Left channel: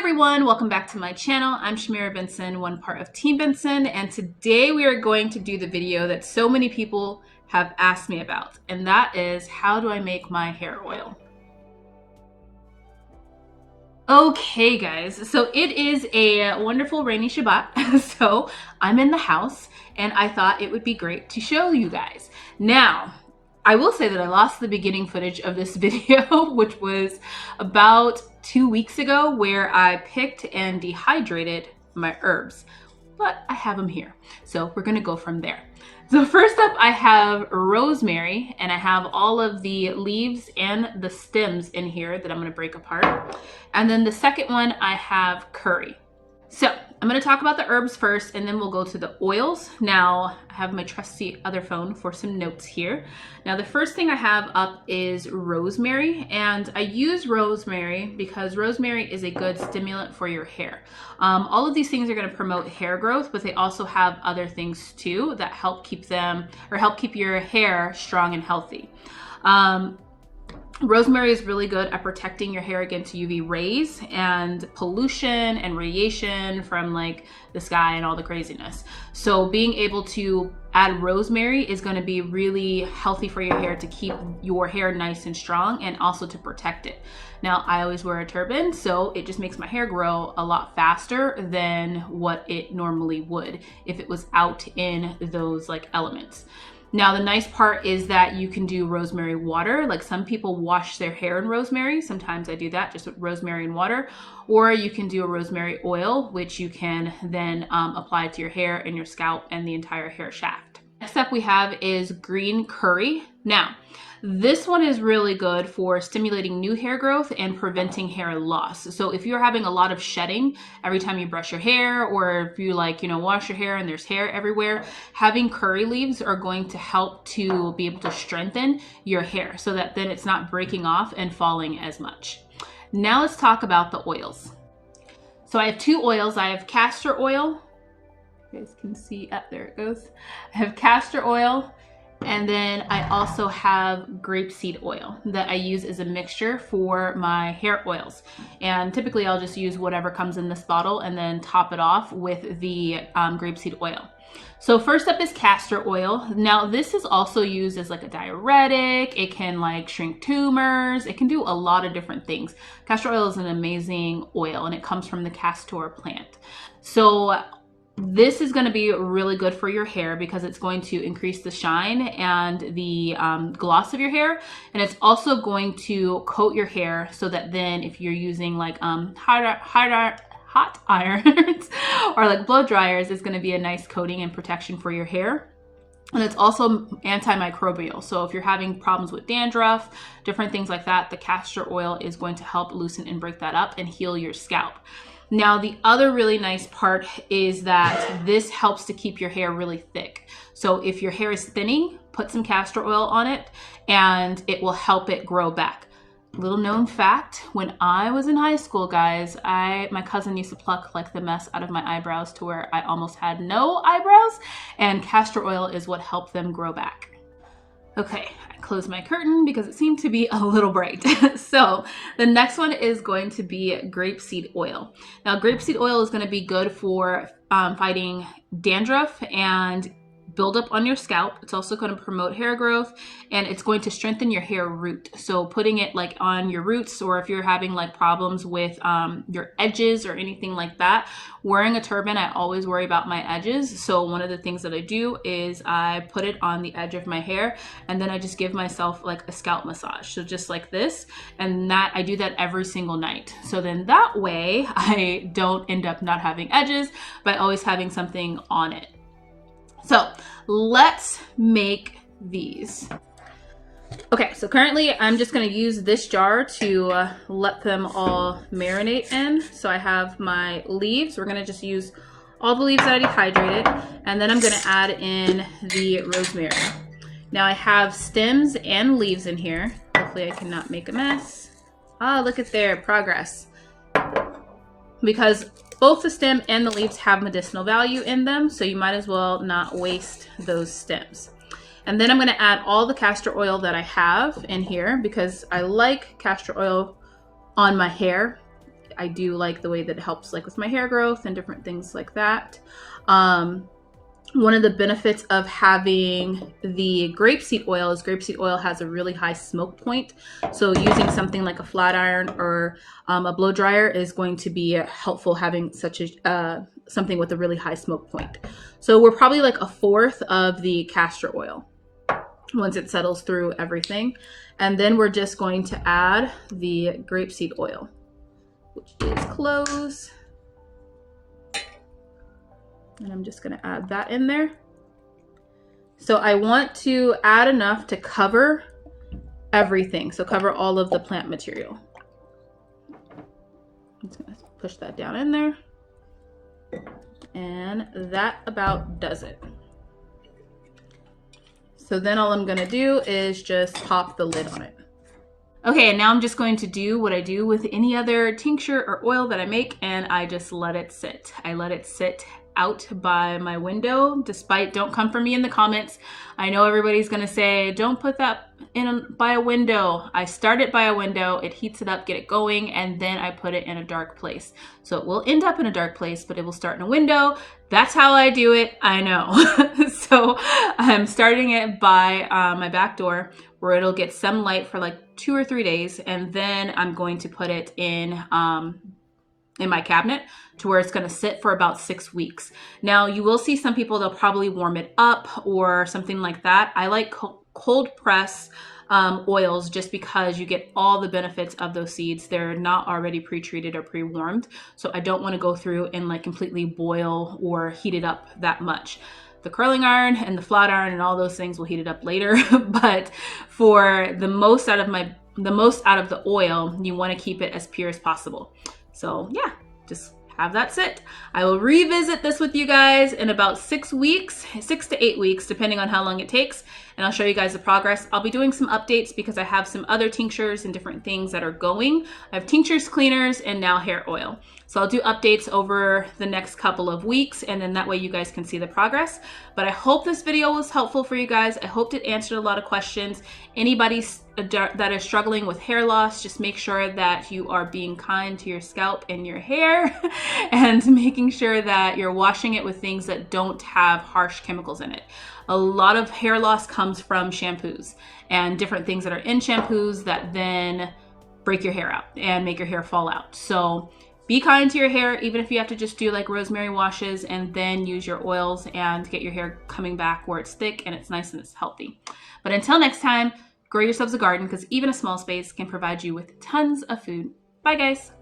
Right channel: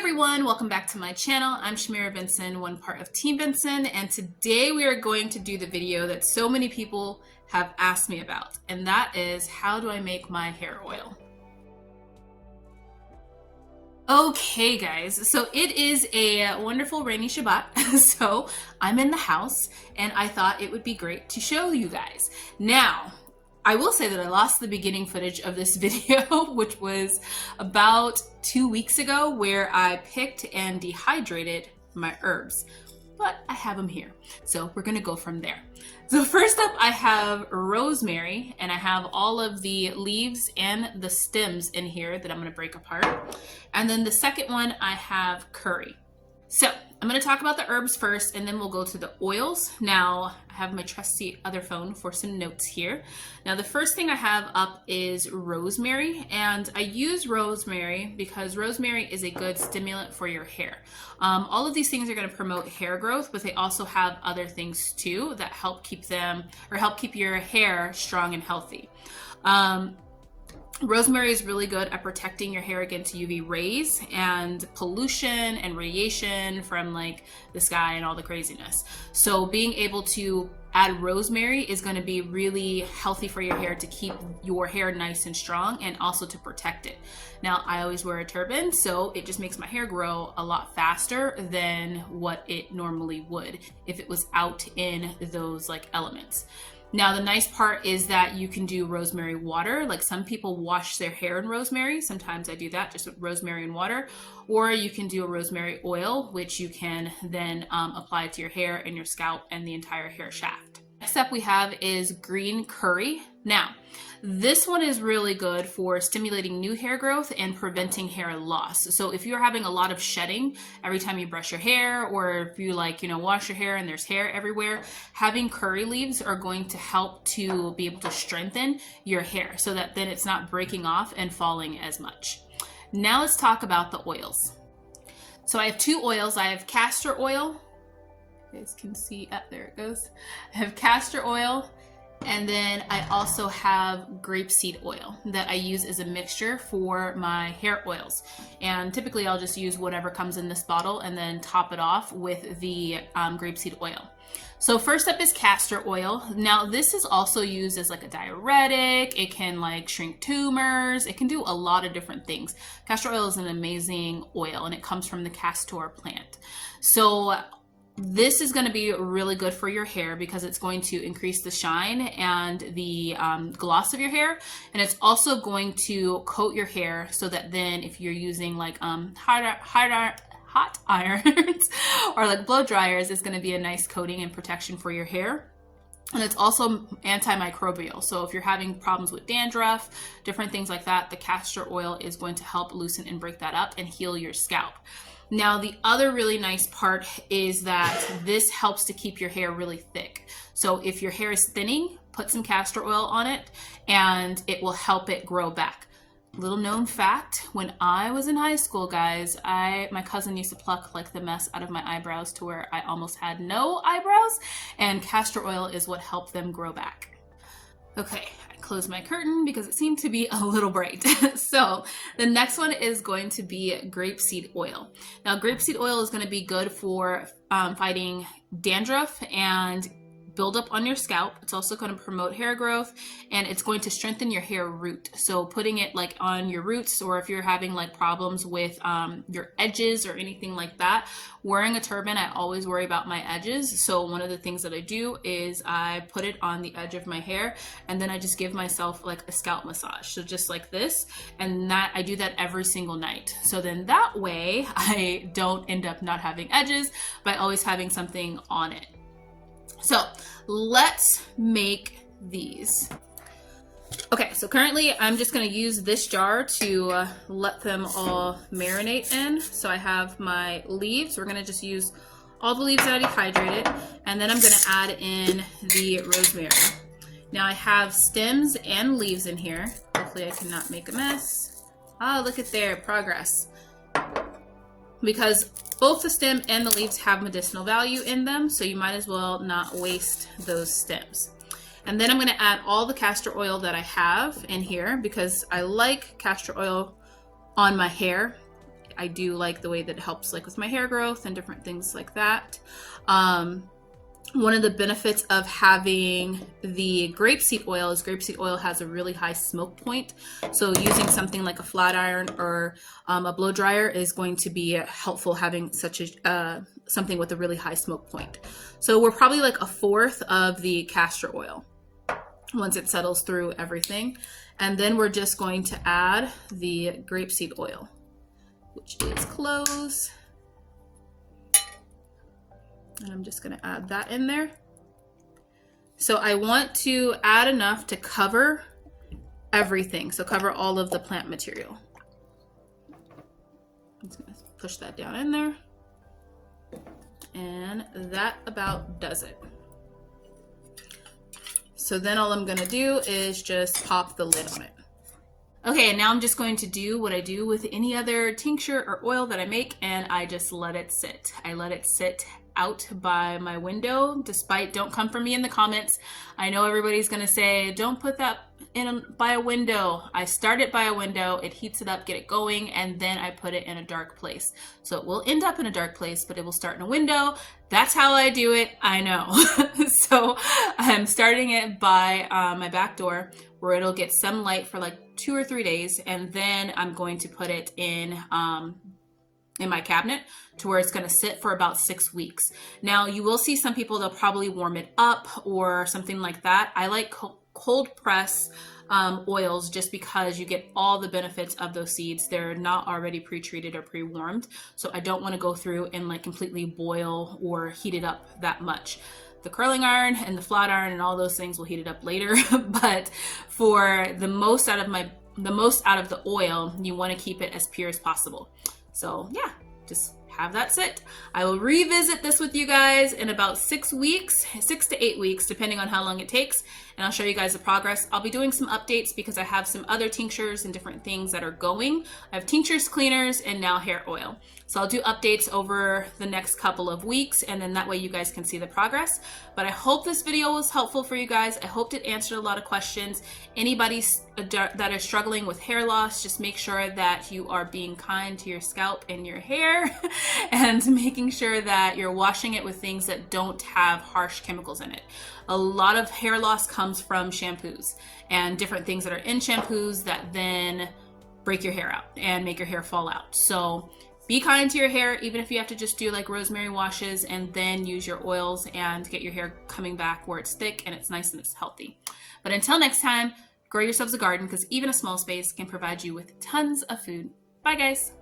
everyone, welcome back to my channel. I'm Shamira Benson, one part of Team Benson, and today we are going to do the video that so many people have asked me about, and that is how do I make my hair oil? Okay guys, so it is a wonderful rainy Shabbat, so I'm in the house and I thought it would be great to show you guys. Now, I will say that I lost the beginning footage of this video, which was about 2 weeks ago, where I picked and dehydrated my herbs, but I have them here. So we're gonna go from there. So first up, I have rosemary, and I have all of the leaves and the stems in here that I'm gonna break apart. And then the second one, I have curry. So I'm going to talk about the herbs first, and then we'll go to the oils. Now, I have my trusty other phone for some notes here. Now, the first thing I have up is rosemary, and I use rosemary because rosemary is a good stimulant for your hair. All of these things are going to promote hair growth, but they also have other things too that help keep your hair strong and healthy. Rosemary is really good at protecting your hair against UV rays and pollution and radiation from like the sky and all the craziness. So being able to add rosemary is going to be really healthy for your hair to keep your hair nice and strong and also to protect it. Now, I always wear a turban, so it just makes my hair grow a lot faster than what it normally would if it was out in those like elements. Now, the nice part is that you can do rosemary water. Like some people wash their hair in rosemary. Sometimes I do that just with rosemary and water. Or you can do a rosemary oil, which you can then apply to your hair and your scalp and the entire hair shaft. Next up we have is green curry. Now, this one is really good for stimulating new hair growth and preventing hair loss. So if you're having a lot of shedding every time you brush your hair, or if you wash your hair and there's hair everywhere, having curry leaves are going to help to be able to strengthen your hair so that then it's not breaking off and falling as much. Now let's talk about the oils. So I have two oils. I have castor oil. You guys can see, there it goes. I have castor oil. And then I also have grape seed oil that I use as a mixture for my hair oils. And typically I'll just use whatever comes in this bottle and then top it off with the grape seed oil. So first up is castor oil. Now this is also used as like a diuretic. It can like shrink tumors. It can do a lot of different things. Castor oil is an amazing oil and it comes from the castor plant. So this is going to be really good for your hair because it's going to increase the shine and the gloss of your hair. And it's also going to coat your hair so that then if you're using like hot irons or like blow dryers, it's going to be a nice coating and protection for your hair. And it's also antimicrobial. So if you're having problems with dandruff, different things like that, the castor oil is going to help loosen and break that up and heal your scalp. Now, the other really nice part is that this helps to keep your hair really thick. So if your hair is thinning, put some castor oil on it and it will help it grow back. Little known fact, when I was in high school, guys, my cousin used to pluck like the mess out of my eyebrows to where I almost had no eyebrows, and castor oil is what helped them grow back. Okay, I closed my curtain because it seemed to be a little bright. So the next one is going to be grapeseed oil. Now, grapeseed oil is going to be good for fighting dandruff and buildup on your scalp. It's also going to promote hair growth and it's going to strengthen your hair root. So putting it like on your roots, or if you're having like problems with your edges or anything like that, wearing a turban, I always worry about my edges. So one of the things that I do is I put it on the edge of my hair and then I just give myself like a scalp massage. So just like this, and that I do that every single night. So then that way I don't end up not having edges by always having something on it. So let's make these. Okay, so currently I'm just going to use this jar to let them all marinate in. So I have my leaves. We're going to just use all the leaves that I dehydrated, and then I'm going to add in the rosemary. Now I have stems and leaves in here. Hopefully I cannot make a mess. Ah, look at their progress. Because both the stem and the leaves have medicinal value in them, so you might as well not waste those stems. And then I'm going to add all the castor oil that I have in here because I like castor oil on my hair. I do like the way that it helps like with my hair growth and different things like that. One of the benefits of having the grapeseed oil is grapeseed oil has a really high smoke point. So using something like a flat iron or a blow dryer is going to be helpful, having such a something with a really high smoke point. So we're probably like a fourth of the castor oil once it settles through everything. And then we're just going to add the grapeseed oil, which is close. And I'm just going to add that in there. So I want to add enough to cover everything. So cover all of the plant material. I'm just going to push that down in there. And that about does it. So then all I'm going to do is just pop the lid on it. Okay, and now I'm just going to do what I do with any other tincture or oil that I make, and I just let it sit. I let it sit out by my window. Don't come for me in the comments. I know everybody's gonna say, don't put that by a window. I start it by a window, it heats it up, get it going, and then I put it in a dark place. So it will end up in a dark place, but it will start in a window. That's how I do it, I know. So I'm starting it by my back door, where it'll get some light for like 2 or 3 days, and then I'm going to put it in my cabinet to where it's going to sit for about 6 weeks. Now you will see some people, they'll probably warm it up or something like that. I like cold press oils just because you get all the benefits of those seeds. They're not already pre-treated or pre-warmed. So I don't want to go through and like completely boil or heat it up that much. The curling iron and the flat iron and all those things will heat it up later. But for the most out of the oil, you want to keep it as pure as possible. So yeah, just have that sit. I will revisit this with you guys in about 6 weeks, 6 to 8 weeks, depending on how long it takes. And I'll show you guys the progress. I'll be doing some updates because I have some other tinctures and different things that are going. I have tinctures, cleaners, and now hair oil. So I'll do updates over the next couple of weeks, and then that way you guys can see the progress. But I hope this video was helpful for you guys. I hope it answered a lot of questions. Anybody that is struggling with hair loss, just make sure that you are being kind to your scalp and your hair and making sure that you're washing it with things that don't have harsh chemicals in it. A lot of hair loss comes from shampoos and different things that are in shampoos that then break your hair out and make your hair fall out. So be kind to your hair, even if you have to just do like rosemary washes and then use your oils and get your hair coming back where it's thick and it's nice and it's healthy. But until next time, grow yourselves a garden, because even a small space can provide you with tons of food. Bye guys.